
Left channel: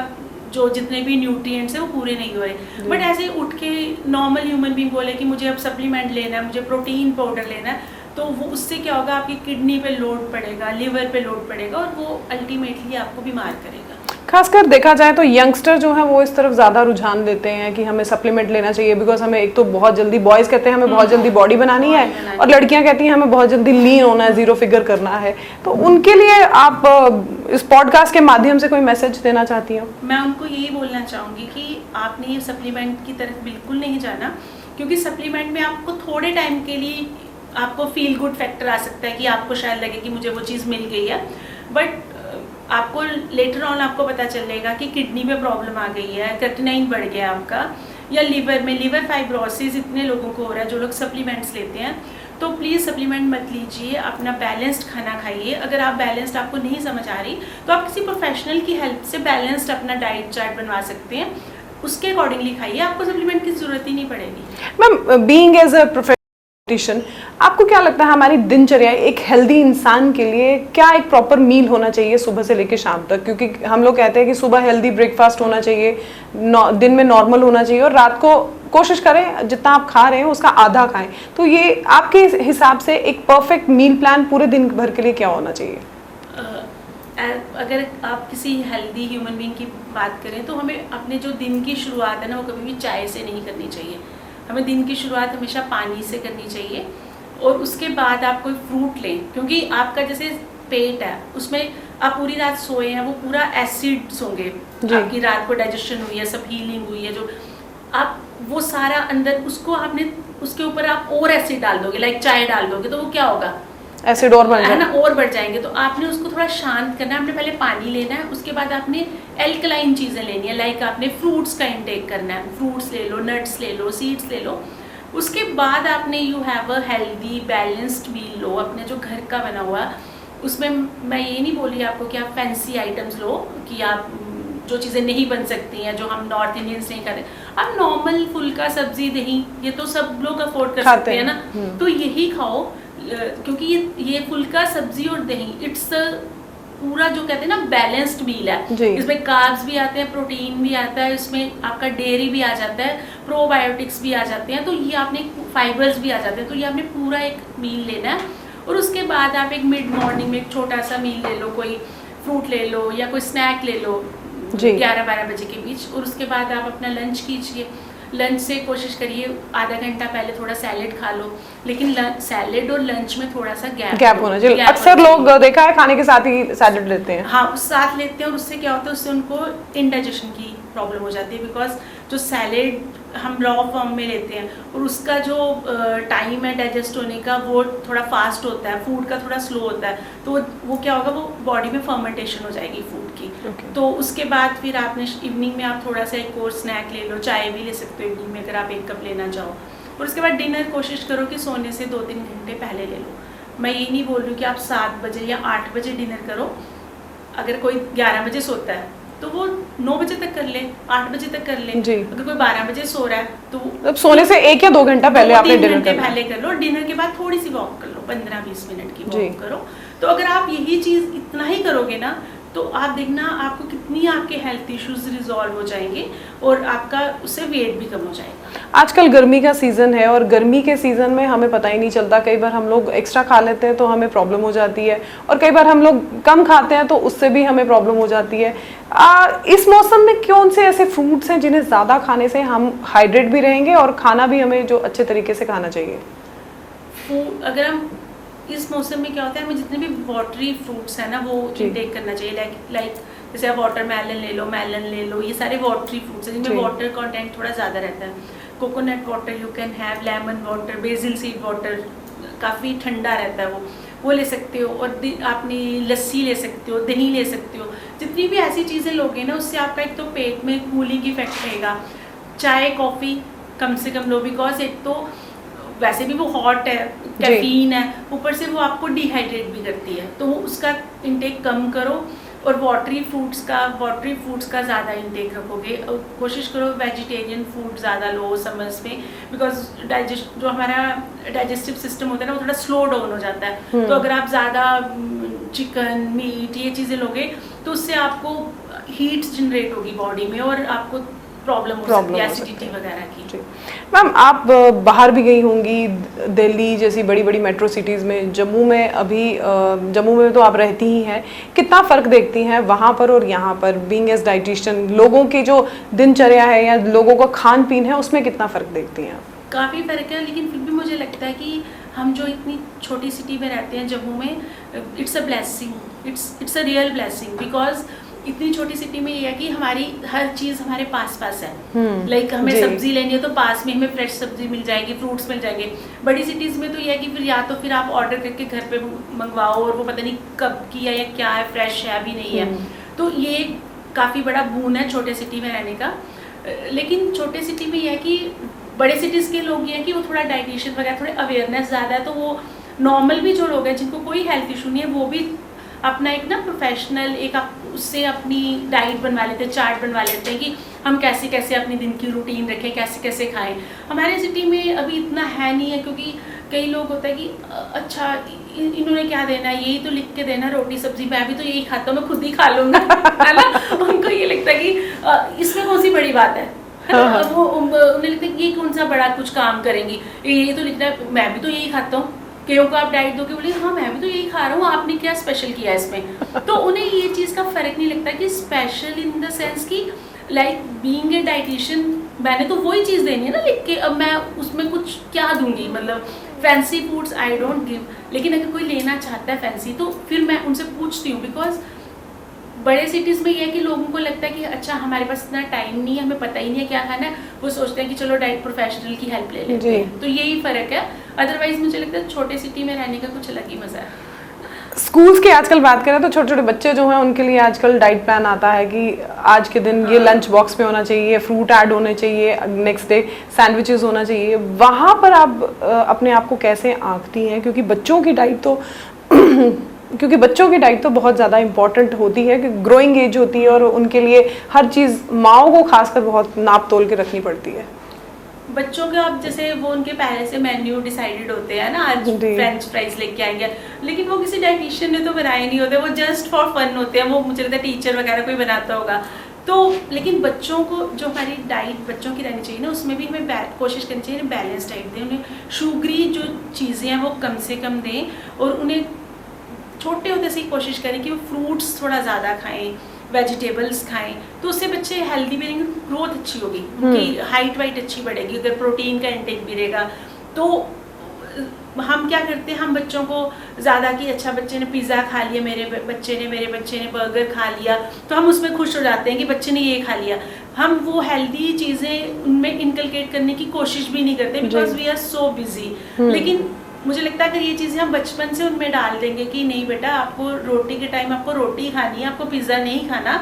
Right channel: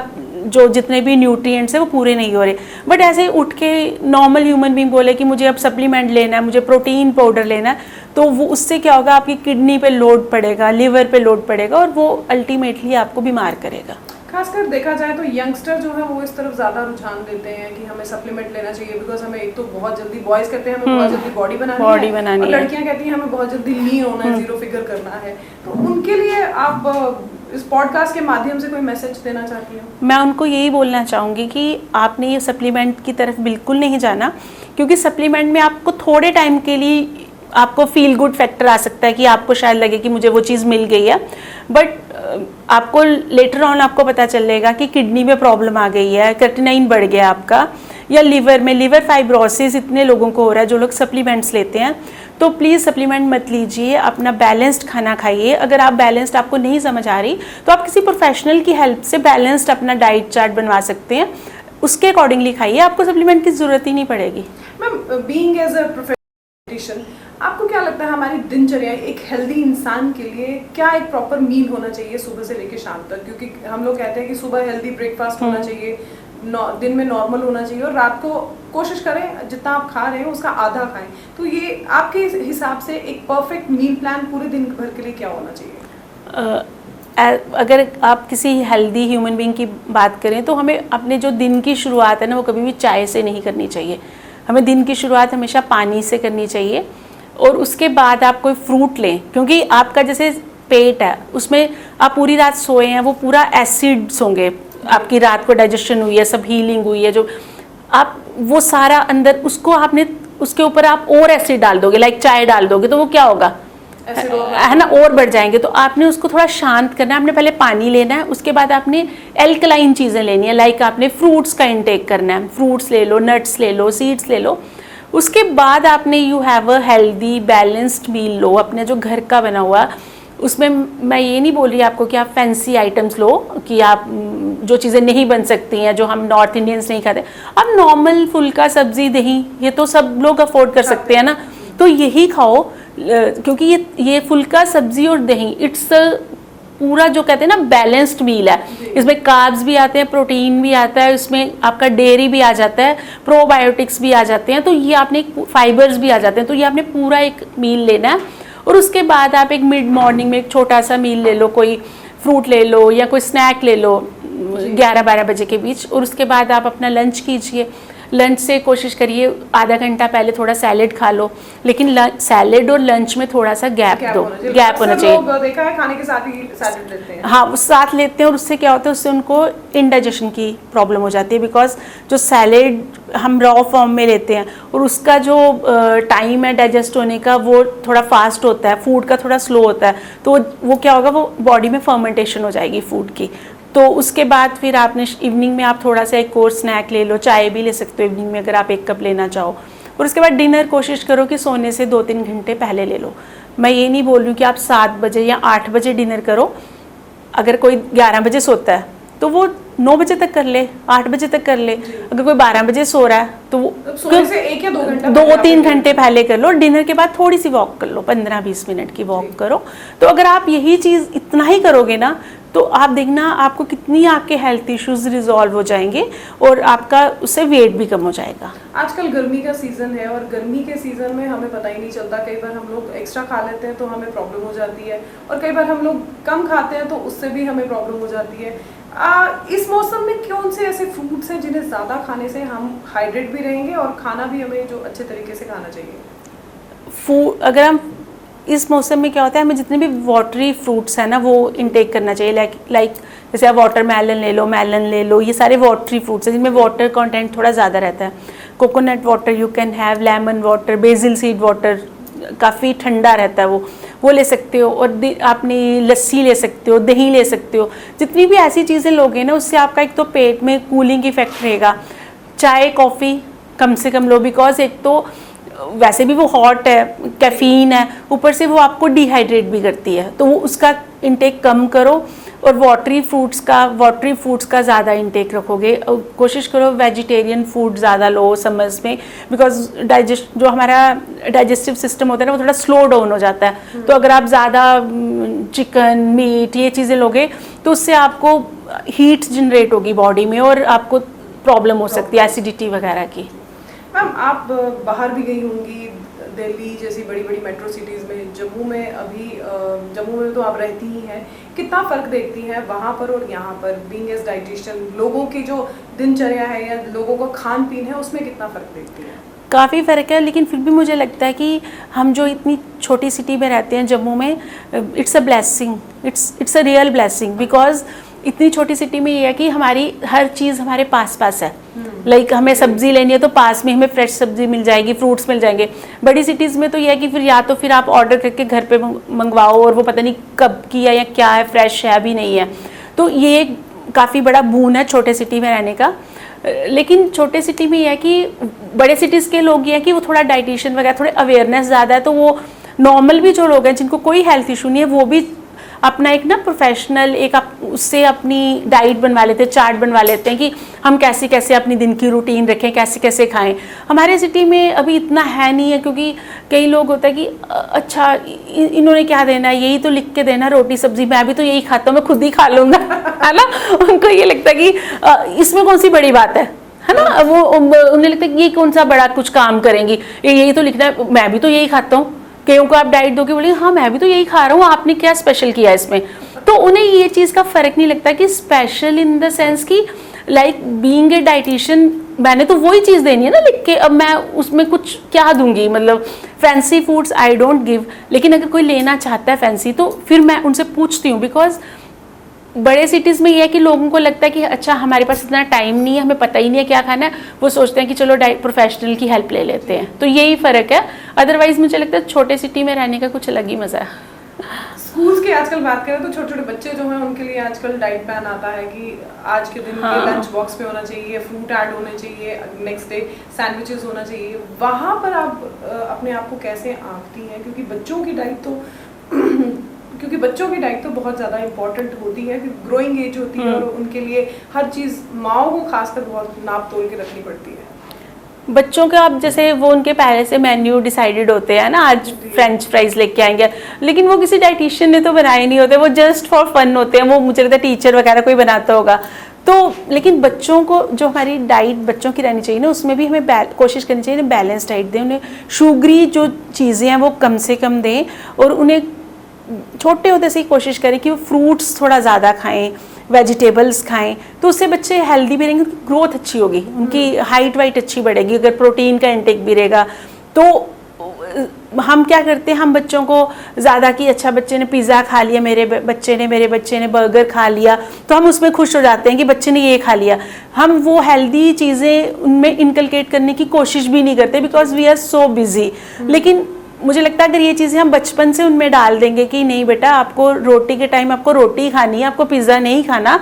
जो जितने भी न्यूट्रिएंट्स है वो पूरे नहीं हो रहे। बट ऐसे उठ के नॉर्मल ह्यूमन बीइंग बोले कि मुझे अब सप्लीमेंट लेना है, मुझे प्रोटीन पाउडर लेना है, तो वो उससे क्या होगा, आपकी किडनी पे लोड पड़ेगा, लिवर पे लोड पड़ेगा, और वो अल्टीमेटली आपको बीमार करेगा। खासकर देखा जाए तो यंगस्टर जो है वो इस तरफ ज़्यादा रुझान देते हैं कि हमें सप्लीमेंट लेना चाहिए, बिकॉज हमें एक तो बहुत जल्दी, बॉयज़ कहते हैं हमें बहुत जल्दी बॉडी बनानी है, और लड़कियां कहती हैं हमें बहुत जल्दी लीन होना है, जीरो फिगर करना है। तो उनके लिए आप इस पॉडकास्ट के माध्यम से कोई मैसेज देना चाहती हो? मैं उनको यही बोलना चाहूँगी कि आपने ये सप्लीमेंट की तरफ बिल्कुल नहीं जाना, क्योंकि सप्लीमेंट में आपको थोड़े टाइम के लिए आपको फील गुड फैक्टर आ सकता है कि आपको शायद लगे कि मुझे वो चीज़ मिल गई है, बट आपको लेटर ऑन आपको पता चलेगा कि किडनी में प्रॉब्लम आ गई है, क्रिएटिनिन बढ़ गया आपका, या लिवर में लिवर फाइब्रोसिस इतने लोगों को हो रहा है जो लोग सप्लीमेंट्स लेते हैं। तो प्लीज़ सप्लीमेंट मत लीजिए, अपना बैलेंस्ड खाना खाइए। अगर आप बैलेंस्ड आपको नहीं समझ आ रही तो आप किसी प्रोफेशनल की हेल्प से बैलेंस्ड अपना डाइट चार्ट बनवा सकते हैं, उसके अकॉर्डिंगली खाइए, आपको सप्लीमेंट की ज़रूरत ही नहीं पड़ेगी। Ma'am, being as a professional, आपको क्या लगता है हमारी दिनचर्या एक हेल्दी इंसान के लिए क्या एक प्रॉपर मील होना चाहिए सुबह से लेकर शाम तक? क्योंकि हम लोग कहते हैं कि सुबह हेल्दी ब्रेकफास्ट होना चाहिए, दिन में नॉर्मल होना चाहिए, और रात को कोशिश करें जितना आप खा रहे हैं उसका आधा खाएं। तो ये आपके हिसाब से एक परफेक्ट मील प्लान पूरे दिन भर के लिए क्या होना चाहिए? अगर आप किसी हेल्दी ह्यूमन बीइंग की बात करें तो हमें अपने जो दिन की शुरुआत है ना, वो कभी भी चाय से नहीं करनी चाहिए। हमें दिन की शुरुआत हमेशा पानी से करनी चाहिए, और उसके बाद आप कोई फ्रूट लें, क्योंकि आपका जैसे पेट है उसमें आप पूरी रात सोए हैं, वो पूरा एसिड्स होंगे, आपकी रात को डाइजेशन हुई है, सब हीलिंग हुई है, जो आप वो सारा अंदर उसको आपने उसके ऊपर आप और एसिड डाल दोगे, लाइक चाय डाल दोगे, तो वो क्या होगा, एसिड और है ना, और बढ़ जाएंगे। तो आपने उसको थोड़ा शांत करना है, आपने पहले पानी लेना है, उसके बाद आपने एल्कलाइन चीज़ें लेनी है, लाइक आपने फ्रूट्स का इंटेक करना है, फ्रूट्स ले लो, नट्स ले लो, सीड्स ले लो। उसके बाद आपने you have a healthy balanced meal लो, अपने जो घर का बना हुआ। उसमें मैं ये नहीं बोल रही आपको कि आप फैंसी आइटम्स लो, कि आप जो चीज़ें नहीं बन सकती हैं, जो हम नॉर्थ इंडियंस नहीं खाते, आप नॉर्मल फुल्का सब्जी दही ये तो सब लोग अफोर्ड कर सकते हैं ना, तो यही खाओ, क्योंकि ये फुल्का सब्जी और दही इट्स पूरा जो कहते हैं ना बैलेंस्ड मील है। इसमें कार्ब्स भी आते हैं, प्रोटीन भी आता है, इसमें आपका डेयरी भी आ जाता है, प्रोबायोटिक्स भी आ जाते हैं, तो ये आपने फाइबर्स भी आ जाते हैं, तो ये आपने पूरा एक मील लेना है। और उसके बाद आप एक मिड मॉर्निंग में एक छोटा सा मील ले लो, कोई फ्रूट ले लो या कोई स्नैक ले लो 11-12 बजे के बीच, और उसके बाद आप अपना लंच कीजिए। लंच से कोशिश करिए आधा घंटा पहले थोड़ा सैलेड खा लो, लेकिन सैलेड और लंच में थोड़ा सा गैप होना चाहिए। अक्सर लोग देखा है खाने के साथ ही सैलेड लेते हैं। हाँ, वो साथ लेते हैं, और उससे क्या होता है, उससे उनको इंडाइजेशन की प्रॉब्लम हो जाती है, बिकॉज जो सैलेड हम रॉ फॉर्म में लेते हैं और उसका जो टाइम है डाइजेस्ट होने का वो थोड़ा फास्ट होता है, फूड का थोड़ा स्लो होता है, तो वो क्या होगा, वो बॉडी में फर्मेंटेशन हो जाएगी फूड की। तो उसके बाद फिर आपने इवनिंग में आप थोड़ा सा एक और स्नैक ले लो, चाय भी ले सकते हो इवनिंग में अगर आप 1 कप लेना चाहो। और उसके बाद डिनर कोशिश करो कि सोने से 2-3 घंटे पहले ले लो। मैं ये नहीं बोल रही हूँ कि आप 7 बजे या 8 बजे डिनर करो, अगर कोई 11 बजे सोता है तो वो 9 बजे तक कर ले, 8 बजे तक कर ले। अगर कोई 12 बजे सो रहा है तो वो सोने से 1 या 2 घंटा पहले, 2-3 घंटे पहले कर लो। डिनर के बाद थोड़ी सी वॉक कर लो, 15-20 मिनट की वॉक करो। तो अगर आप यही चीज़ इतना ही करोगे ना, तो आप देखना आपको कितनी आपके हेल्थ इश्यूज रिजॉल्व हो जाएंगे और आपका उससे वेट भी कम हो जाएगा। आजकल गर्मी का सीजन है और गर्मी के सीजन में हमें पता ही नहीं चलता, कई बार हम लोग एक्स्ट्रा खा लेते हैं तो हमें प्रॉब्लम हो जाती है, और कई बार हम लोग कम खाते हैं तो उससे भी हमें प्रॉब्लम हो जाती है। इस मौसम में कौन से ऐसे फ्रूट्स हैं जिन्हें ज़्यादा खाने से हम हाइड्रेट भी रहेंगे और खाना भी हमें जो अच्छे तरीके से खाना चाहिए? अगर हम इस मौसम में क्या होता है, हमें जितने भी वाटरी फ्रूट्स हैं ना वो इनटेक करना चाहिए। लाइक जैसे आप वाटरमेलन ले लो, मेलन ले लो, ये सारे वाटरी फ्रूट्स हैं जिनमें वाटर कंटेंट थोड़ा ज़्यादा रहता है। Coconut water you can have, lemon water, BECIL seed water, काफ़ी ठंडा रहता है वो ले सकते हो। और आपने लस्सी ले सकते हो, दही ले सकते हो। जितनी भी ऐसी चीज़ें लोगे ना उससे आपका एक तो पेट में कूलिंग इफेक्ट रहेगा। चाय कॉफ़ी कम से कम लो, बिकॉज एक तो वैसे भी वो हॉट है, कैफीन है, ऊपर से वो आपको डिहाइड्रेट भी करती है, तो वो उसका इंटेक कम करो। और वाटरी फूड्स का ज़्यादा इंटेक रखोगे। कोशिश करो वेजिटेरियन फूड ज़्यादा लो समर्स में, बिकॉज जो हमारा डाइजेस्टिव सिस्टम होता है ना वो थोड़ा स्लो डाउन हो जाता है। तो अगर आप ज़्यादा चिकन, मीट, ये चीज़ें लोगे तो उससे आपको हीट जनरेट होगी बॉडी में और आपको प्रॉब्लम हो सकती है एसिडिटी वगैरह की। मैम आप बाहर भी गई होंगी, दिल्ली जैसी बड़ी बड़ी मेट्रो सिटीज़ में, जम्मू में जम्मू में तो आप रहती ही हैं, कितना फ़र्क देखती हैं वहाँ पर और यहाँ पर? बीइंग एज डाइटिशियन, लोगों की जो दिनचर्या है या लोगों का खान पीन है उसमें कितना फ़र्क देखती हैं? काफ़ी फ़र्क है, लेकिन फिर भी मुझे लगता है कि हम जो इतनी छोटी सिटी में रहते हैं जम्मू में, it's a blessing, it's a real blessing. Because इतनी छोटी सिटी में ये है कि हमारी हर चीज़ हमारे पास है। लाइक हमें सब्जी लेनी है तो पास में हमें फ्रेश सब्जी मिल जाएगी, फ्रूट्स मिल जाएंगे। बड़ी सिटीज़ में तो ये है कि फिर या तो फिर आप ऑर्डर करके घर पे मंगवाओ और वो पता नहीं कब की है या क्या है, फ्रेश है अभी नहीं है। तो ये काफ़ी बड़ा बून है छोटे सिटी में रहने का। लेकिन छोटे सिटी में ये है कि बड़े सिटीज़ के लोग ये है कि वो थोड़ा डाइटिशियन वगैरह थोड़े अवेयरनेस ज़्यादा है, तो वो नॉर्मल भी जो लोग हैं जिनको कोई हेल्थ इशू नहीं है वो भी अपना एक ना प्रोफेशनल एक उससे अपनी डाइट बनवा लेते हैं, चार्ट बनवा लेते हैं कि हम कैसे कैसे अपनी दिन की रूटीन रखें, कैसे कैसे खाएं। हमारे सिटी में अभी इतना है नहीं है, क्योंकि कई लोग होता है कि अच्छा इन्होंने क्या देना है, यही तो लिख के देना रोटी सब्जी, मैं भी तो यही खाता हूँ, मैं खुद ही खा लूँगा है ना। उनको ये लगता है कि इसमें कौन सी बड़ी बात है ना। वो उन्हें लगता है कि ये कौन सा बड़ा कुछ काम करेंगी, यही तो लिखना है, मैं भी तो यही खाता हूँ। कईयों को आप डाइट दोगे, बोले हाँ मैं भी तो यही खा रहा हूँ, आपने क्या स्पेशल किया इसमें। तो उन्हें ये चीज़ का फ़र्क नहीं लगता कि स्पेशल इन द सेंस कि लाइक बीइंग ए डाइटिशियन मैंने तो वही चीज़ देनी है ना लिख के, अब मैं उसमें कुछ क्या दूंगी। मतलब fancy foods I don't give, लेकिन अगर कोई लेना चाहता है फैंसी तो फिर मैं उनसे पूछती हूँ। बिकॉज बड़े सिटीज़ में ये है कि लोगों को लगता है कि अच्छा हमारे पास इतना टाइम नहीं है, हमें पता ही नहीं है क्या खाना है, वो सोचते हैं कि चलो प्रोफेशनल की हेल्प ले लेते हैं। तो यही फ़र्क है। अदरवाइज मुझे लगता है छोटे सिटी में रहने का कुछ अलग ही मज़ा है। स्कूल्स की आजकल बात करें तो छोटे छोटे बच्चे जो हैं उनके लिए आजकल डाइट प्लान आता है कि आज के दिन ये लंच बॉक्स में होना चाहिए, फ्रूट ऐड होने चाहिए, नेक्स्ट डे सैंडविचेस होना चाहिए। वहाँ पर आप अपने आप को कैसे आंकती हैं? क्योंकि बच्चों की डाइट तो बहुत ज़्यादा इंपॉर्टेंट होती है, कि ग्रोइंग एज होती है और उनके लिए हर चीज़ माओ को खासकर बहुत नाप तोल के रखनी पड़ती है। बच्चों का अब जैसे वो उनके पहले से मेन्यू डिसाइडेड होते हैं ना, आज फ्रेंच फ्राइज लेके आएंगे, लेकिन वो किसी डाइटिशियन ने तो बनाए नहीं होते, वो जस्ट फॉर फन होते हैं। वो मुझे लगता है टीचर वगैरह कोई बनाता होगा। तो लेकिन बच्चों को जो हमारी डाइट बच्चों की रहनी चाहिए ना, उसमें भी हमें कोशिश करनी चाहिए बैलेंस डाइट दें। उन्हें शुगरी जो चीज़ें हैं वो कम से कम दें, और उन्हें छोटे होते से ही कोशिश करें कि वो फ्रूट्स थोड़ा ज़्यादा खाएं, वेजिटेबल्स खाएं, तो उससे बच्चे हेल्दी भी रहेंगे, ग्रोथ अच्छी होगी, उनकी हाइट वाइट अच्छी बढ़ेगी। अगर प्रोटीन का इंटेक भी रहेगा तो हम क्या करते हैं, हम बच्चों को ज़्यादा कि अच्छा बच्चे ने पिज़्ज़ा खा लिया, मेरे बच्चे ने बर्गर खा लिया, तो हम उसमें खुश हो जाते हैं कि बच्चे ने ये खा लिया। हम वो हेल्दी चीज़ें उनमें इनकलकेट करने की कोशिश भी नहीं करते, because we are so busy. लेकिन मुझे लगता है अगर ये चीज़ें हम बचपन से उनमें डाल देंगे कि नहीं बेटा आपको रोटी के टाइम आपको रोटी खानी है, आपको पिज़्ज़ा नहीं खाना,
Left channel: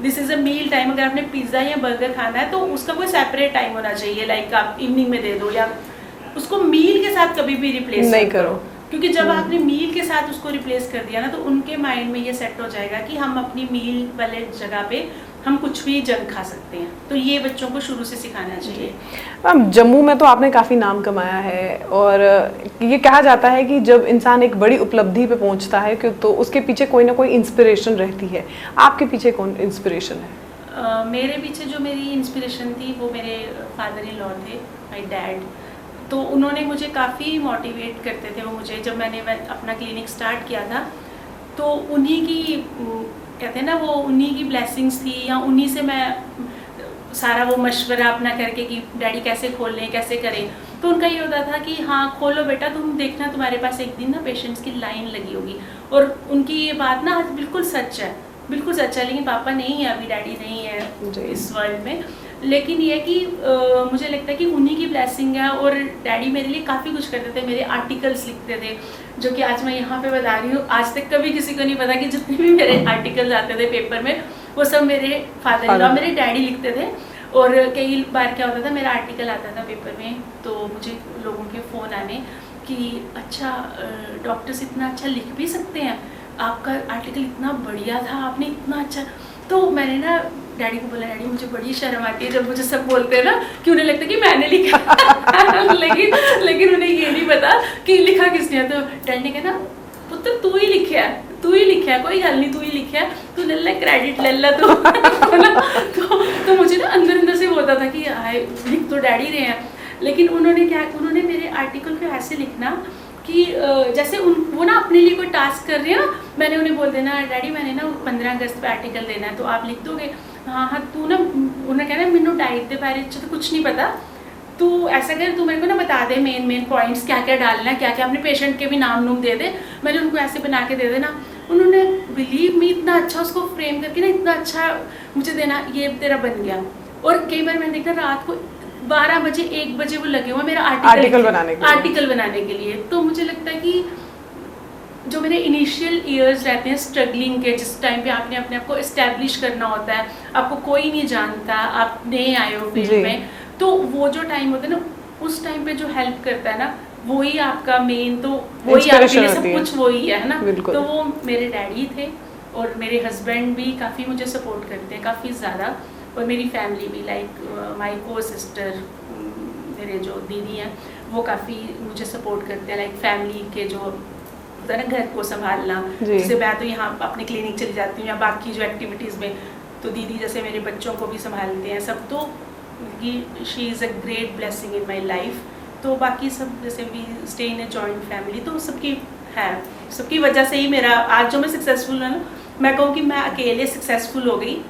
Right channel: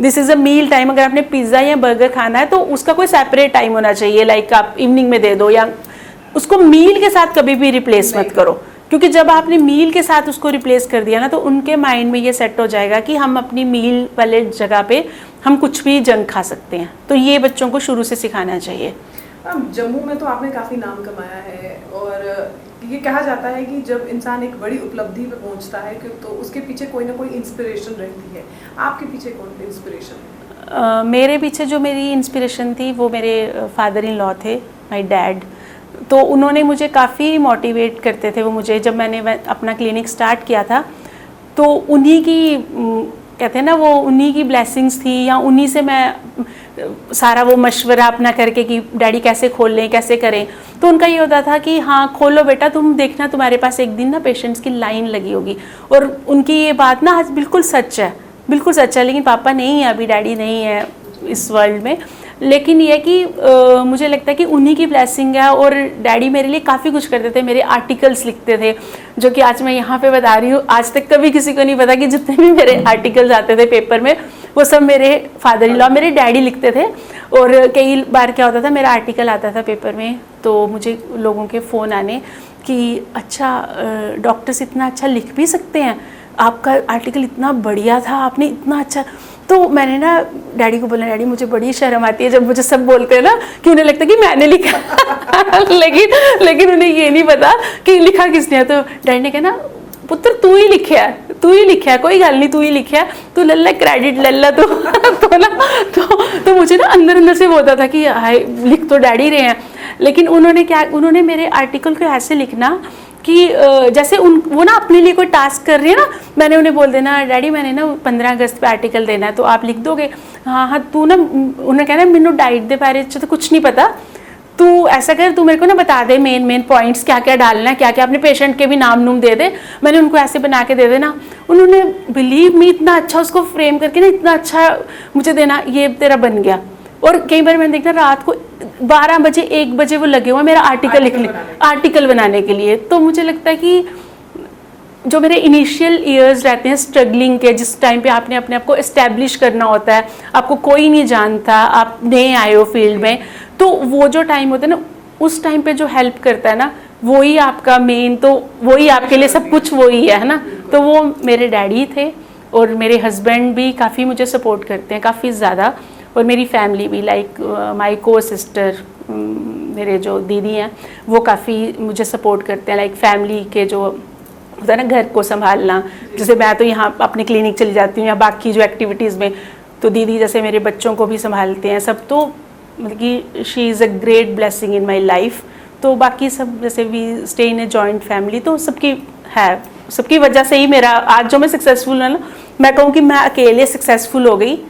this is a meal time. अगर आपने पिज़्ज़ा या बर्गर खाना है तो उसका कोई सेपरेट टाइम होना चाहिए, लाइक आप इवनिंग में दे दो, या उसको मील के साथ कभी भी रिप्लेस मत करो। क्योंकि जब आपने मील के साथ उसको रिप्लेस कर दिया ना, तो उनके माइंड में ये सेट हो जाएगा कि हम अपनी मील वाले जगह पे हम कुछ भी जंक खा सकते हैं। तो ये बच्चों को शुरू से सिखाना चाहिए। मैम जम्मू में तो आपने काफ़ी नाम कमाया है और ये कहा जाता है कि जब इंसान एक बड़ी उपलब्धि पे पहुंचता है तो उसके पीछे कोई ना कोई इंस्पिरेशन रहती है। आपके पीछे कौन इंस्पिरेशन है? मेरे पीछे जो मेरी इंस्पिरेशन थी वो मेरे फादर इन लॉ थे, माय डैड। तो उन्होंने मुझे काफ़ी मोटिवेट करते थे। वो मुझे जब मैंने अपना क्लिनिक स्टार्ट किया था तो उन्हीं की कहते हैं ना वो उन्हीं की ब्लेसिंग्स थी, या उन्हीं से मैं सारा वो मशवरा अपना करके कि डैडी कैसे खोल लें कैसे करें। तो उनका ये होता था कि हाँ खोलो बेटा, तुम देखना तुम्हारे पास एक दिन ना पेशेंट्स की लाइन लगी होगी। और उनकी ये बात ना आज बिल्कुल सच है, बिल्कुल सच है। लेकिन पापा नहीं है, अभी डैडी नहीं है इस वर्ल्ड में। लेकिन ये कि मुझे लगता है कि उन्हीं की ब्लेसिंग है। और डैडी मेरे लिए काफ़ी कुछ करते थे, मेरे आर्टिकल्स लिखते थे जो कि आज मैं यहाँ पे बता रही हूँ। आज तक कभी किसी को नहीं पता कि जितने भी मेरे आर्टिकल्स आते थे पेपर में वो सब मेरे फादर इन लॉ मेरे डैडी लिखते थे। और कई बार क्या होता था, मेरा आर्टिकल आता था पेपर में तो मुझे लोगों के फ़ोन आने कि अच्छा डॉक्टर्स इतना अच्छा लिख भी सकते हैं, आपका आर्टिकल इतना बढ़िया था, आपने इतना अच्छा। तो मैंने ना डैडी को बोला, डैडी मुझे बड़ी शर्म आती है जब मुझे सब बोलते हैं ना कि उन्हें लगता है कि मैंने लिखा लेकिन उन्हें ये नहीं पता कि लिखा किसने है। तो डैडी ने कहा ना पुत्र तू ही लिखा है, तू ही लिखा है, कोई गल नहीं तू ही लिखा है, तू लल्ला क्रेडिट लल्ला तो ना तो मुझे ना अंदर से होता था कि हाय लिख तो डैडी रहे हैं। लेकिन उन्होंने मेरे आर्टिकल को ऐसे लिखना कि जैसे वो ना अपने लिए कोई टास्क कर रही है ना, मैंने उन्हें बोल देना डैडी मैंने ना 15 अगस्त पे आर्टिकल देना है तो आप लिख दोगे। हाँ तू ना, उन्होंने कहना मैनू डाइट दे बारे तो कुछ नहीं पता, तू ऐसा कर तू मेरे को ना बता दे मेन पॉइंट्स क्या क्या डालना है, क्या क्या अपने पेशेंट के भी नाम दे दे। मैंने उनको ऐसे बना के दे देना। उन्होंने बिलीव मी इतना अच्छा उसको फ्रेम करके ना इतना अच्छा मुझे देना, ये तेरा बन गया। और कई बार मैंने देखा रात को 12 बजे 1 बजे वो लगे हुए मेरा आर्टिकल बनाने के लिए। तो मुझे लगता है कि जो मेरे इनिशियल ईयर्स रहते हैं स्ट्रगलिंग के, जिस टाइम पे आपने अपने आप को एस्टेब्लिश करना होता है, आपको कोई नहीं जानता, आप नए आए हो फील्ड में, तो वो जो टाइम होता है ना उस टाइम पे जो हेल्प करता है ना वही आपका मेन, तो वही आपके लिए सब कुछ वही है ना। तो वो मेरे डैडी थे और मेरे हस्बैंड भी काफ़ी मुझे सपोर्ट करते हैं, काफ़ी ज़्यादा। और मेरी फैमिली भी लाइक माय को सिस्टर, मेरे जो दीदी हैं वो काफ़ी मुझे सपोर्ट करते हैं। लाइक फैमिली के जो होता है ना घर को संभालना, जैसे मैं तो यहाँ अपने क्लिनिक चली जाती हूँ या बाकी जो एक्टिविटीज़ में, तो दीदी जैसे मेरे बच्चों को भी संभालते हैं सब। तो मतलब कि she is a great blessing in my life. तो बाकी सब जैसे we stay in a joint family, तो सबकी है, सबकी वजह से ही मेरा आज जो मैं सक्सेसफुल है ना, मैं कहूँ कि मैं अकेले सक्सेसफुल हो गई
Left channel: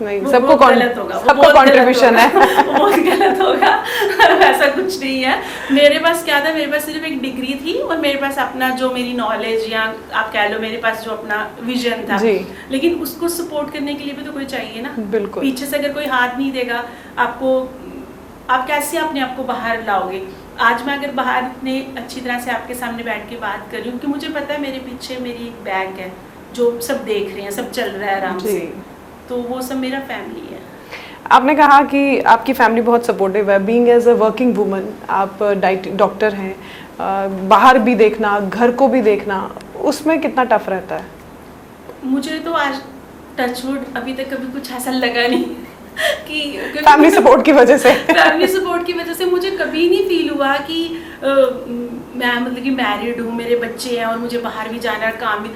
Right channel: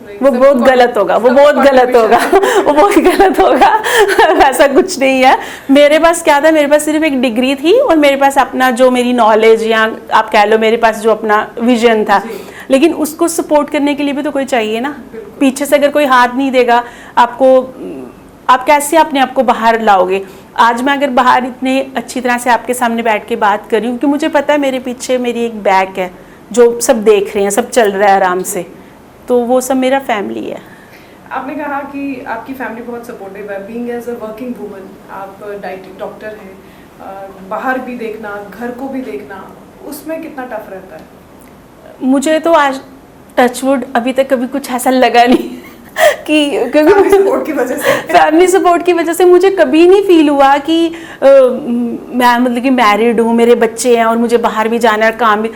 वो बहुत गलत होगा, वो बहुत गलत होगा, वो बहुत गलत होगा। ऐसा कुछ नहीं है। मेरे पास क्या था, मेरे पास सिर्फ एक डिग्री थी और मेरे पास अपना जो मेरी नॉलेज या आप कह लो मेरे पास जो अपना विजन था, लेकिन उसको सपोर्ट करने के लिए भी तो कोई चाहिए ना। पीछे से अगर कोई हाथ नहीं देगा आपको, आप कैसे अपने आप को बाहर लाओगे। आज मैं अगर बाहर इतने अच्छी तरह से आपके सामने बैठ के बात कर रही हूँ क्योंकि मुझे पता है मेरे पीछे मेरी एक बैक है जो सब देख रहे हैं, सब चल रहा है आराम से, तो वो सब मेरा फैमिली है। आपने कहा कि आपकी फैमिली बहुत सपोर्टिव है। Being as a working woman, आप डॉक्टर हैं, बाहर भी देखना, घर को भी देखना, उसमें कितना टफ रहता है? मुझे तो आज टचवुड अभी तक कभी कुछ ऐसा लगा नहीं कि फैमिली सपोर्ट की वजह से फैमिली सपोर्ट की वजह से मुझे कभी नहीं फील हुआ कि मैं मतलब कि मैरिड हूँ, मेरे बच्चे हैं और मुझे बाहर भी जाना है, काम भी,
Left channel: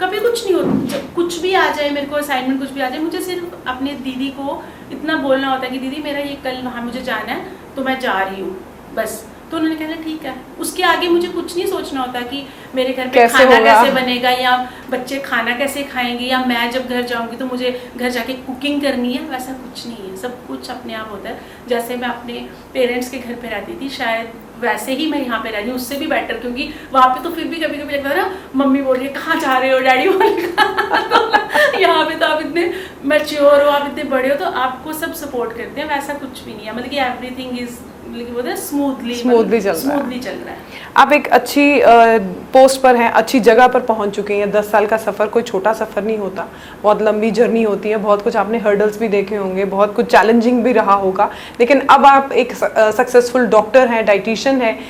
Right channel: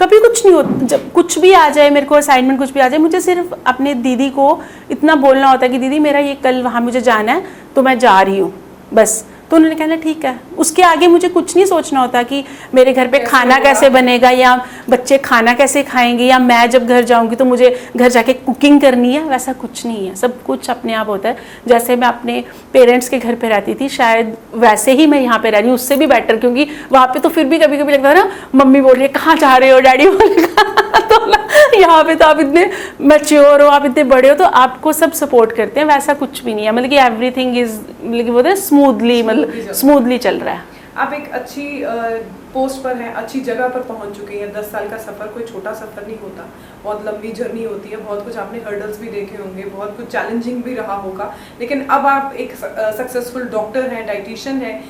कभी कुछ नहीं होता। जब कुछ भी आ जाए, मेरे को असाइनमेंट कुछ भी आ जाए, मुझे सिर्फ अपने दीदी को इतना बोलना होता है कि दीदी मेरा ये कल वहाँ मुझे जाना है तो मैं जा रही हूँ, बस। तो उन्होंने कहना ठीक है। उसके आगे मुझे कुछ नहीं सोचना होता कि मेरे घर पे खाना कैसे बनेगा या बच्चे खाना कैसे खाएंगे या मैं जब घर जाऊंगी तो मुझे घर जाके कुकिंग करनी है, वैसा कुछ नहीं है। सब कुछ अपने आप होता है। जैसे मैं अपने पेरेंट्स के घर पे रहती थी शायद वैसे ही मैं यहाँ पे रह रही हूँ, उससे भी बेटर, क्योंकि वहाँ पे तो फिर भी कभी कभी लगता है ना मम्मी बोल रही है कहाँ जा रहे हो, डैडी बोल रहा तो यहाँ पे तो आप इतने मैच्योर हो, आप इतने बड़े हो तो आपको सब सपोर्ट करते हैं। वैसा कुछ भी नहीं है, मतलब कि एवरीथिंग इज मतलब बोलते हैं स्मूथली चल रहा है। आप एक अच्छी पोस्ट पर हैं, अच्छी जगह पर पहुंच चुके हैं। 10 साल का सफ़र कोई छोटा सफ़र नहीं होता, बहुत लंबी जर्नी होती है, बहुत कुछ आपने हर्डल्स भी देखे होंगे, बहुत कुछ चैलेंजिंग भी रहा होगा, लेकिन अब आप एक सक्सेसफुल डॉक्टर हैं, डाइटिशियन हैं।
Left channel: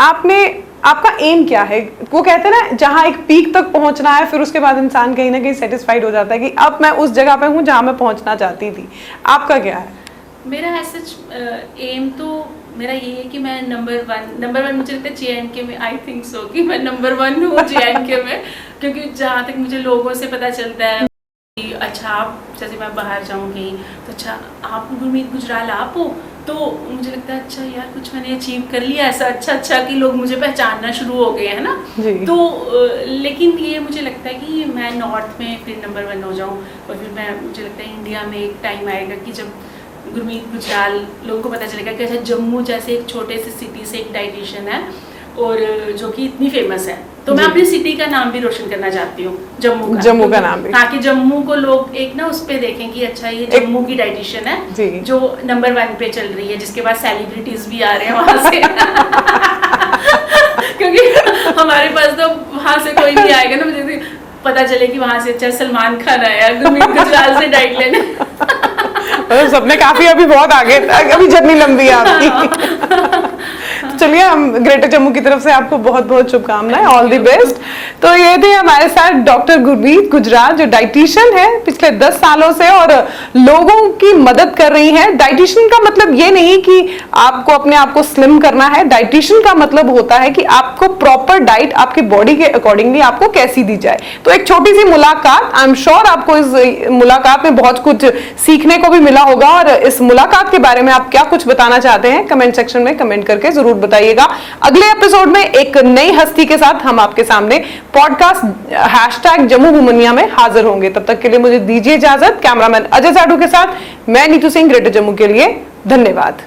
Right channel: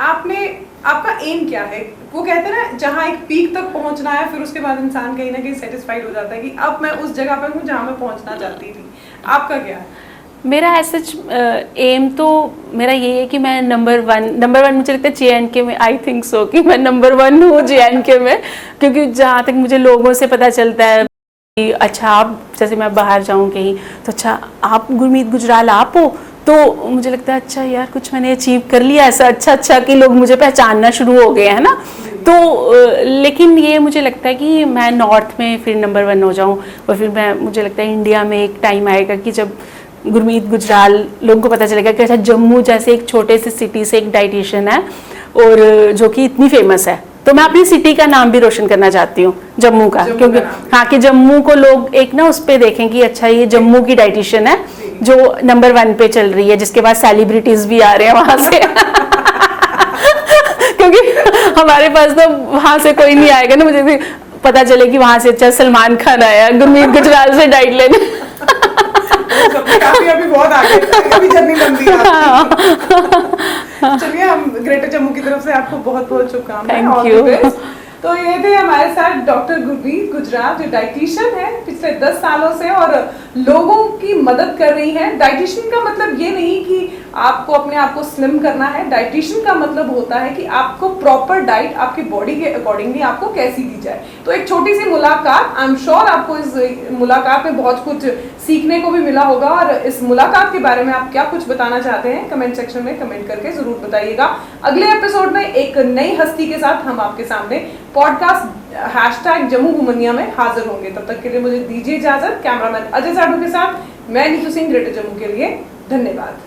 आपने आपका एम क्या है? वो कहते हैं ना, जहाँ एक पीक तक पहुंचना है, फिर उसके बाद इंसान कहीं ना कहीं सेटिस्फाइड हो जाता है कि अब मैं उस जगह पे हूँ जहाँ मैं पहुंचना चाहती थी। आपका क्या है? मेरा ऐसा एम तो मेरा ये है कि मैं नंबर वन मुझे लगता है JNK में, आई थिंक सो कि मैं नंबर 1 हूँ JNK में, क्योंकि जहाँ तक मुझे लोगों से पता चलता है कि अच्छा आप, जैसे मैं बाहर जाऊँ कहीं तो अच्छा आप गुरमीत गुजराल आप हो, तो मुझे लगता है अच्छा यार कुछ मैंने अचीव कर लिया ऐसा, अच्छा कि लोग मुझे पहचानना शुरू हो गए हैं ना। तो लेकिन ये मुझे लगता है कि मैं नॉर्थ में फिर नंबर 1 हो जाऊँ, और फिर मुझे लगता है इंडिया में एक टाइम आएगा कि जब गुरमीत गुजराल लोगों को पता चलेगा कि अच्छा जम्मू जैसे एक छोटे से सिटी से एक डाइटिशियन है और जो कि इतनी फेमस है, तो मैं अपनी सिटी का नाम भी रोशन करना चाहती हूँ, जम्मू का नाम भी। हाँ, कि जम्मू को लोग एक ना उस पे देखें कि अच्छा ये जम्मू की डाइटिशियन है जो नंबर 1 पे चल रही है, जिसके बाद सेलिब्रिटीज भी आ रहे हैं वहां से क्योंकि हमारे पास तो वहां से कोई नहीं आएगा ना, मुझे पता चले कि वहां से अच्छा सलमान खान आया गुरमीत गुजराल से डाइट लेने। तो सबने काफी अभी बहुत आगे, अभी जर्नी लंबी है आपकी। चलिए, हम ग्रेटर जम्मू की तरफ से आपको बहुत बहुत शुभकामनाएं, ऑल द बेस्ट। तो ये थी हमारे साथ डॉक्टर गुरमीत गुजराल, जो डाइटिशियन है पिछले 10 सालों से और लोगों की मदद कर रही है। डाइटिशियन का मतलब ये नहीं कि आपको अपने आप को स्लिम करना है, डाइटिशियन का मतलब होता है कि आपको प्रॉपर डाइट आपकी बॉडी के अकॉर्डिंगली आपको कैसी दी जाए। तो एक छोटी सी मुलाकात, आई एम श्योर आपको इस मुलाकात में बहुत कुछ सीखने को भी मिला होगा, और इस मुलाकात के बारे में आप क्या कुछ बताना चाहते हैं कमेंट सेक्शन में कमेंट करके जरूर बताइएगा। अगले एपिसोड में एक नई हस्ती के साथ हम आपके सामने पॉडकास्ट #जम्मू में हाजिर होंगे। तब तक के लिए मुझे दीजिए इजाजत। कैमरामैन अजय साडू के साथ मैं नीतू सिंह, ग्रेटर जम्मू के लिए। धन्यवाद।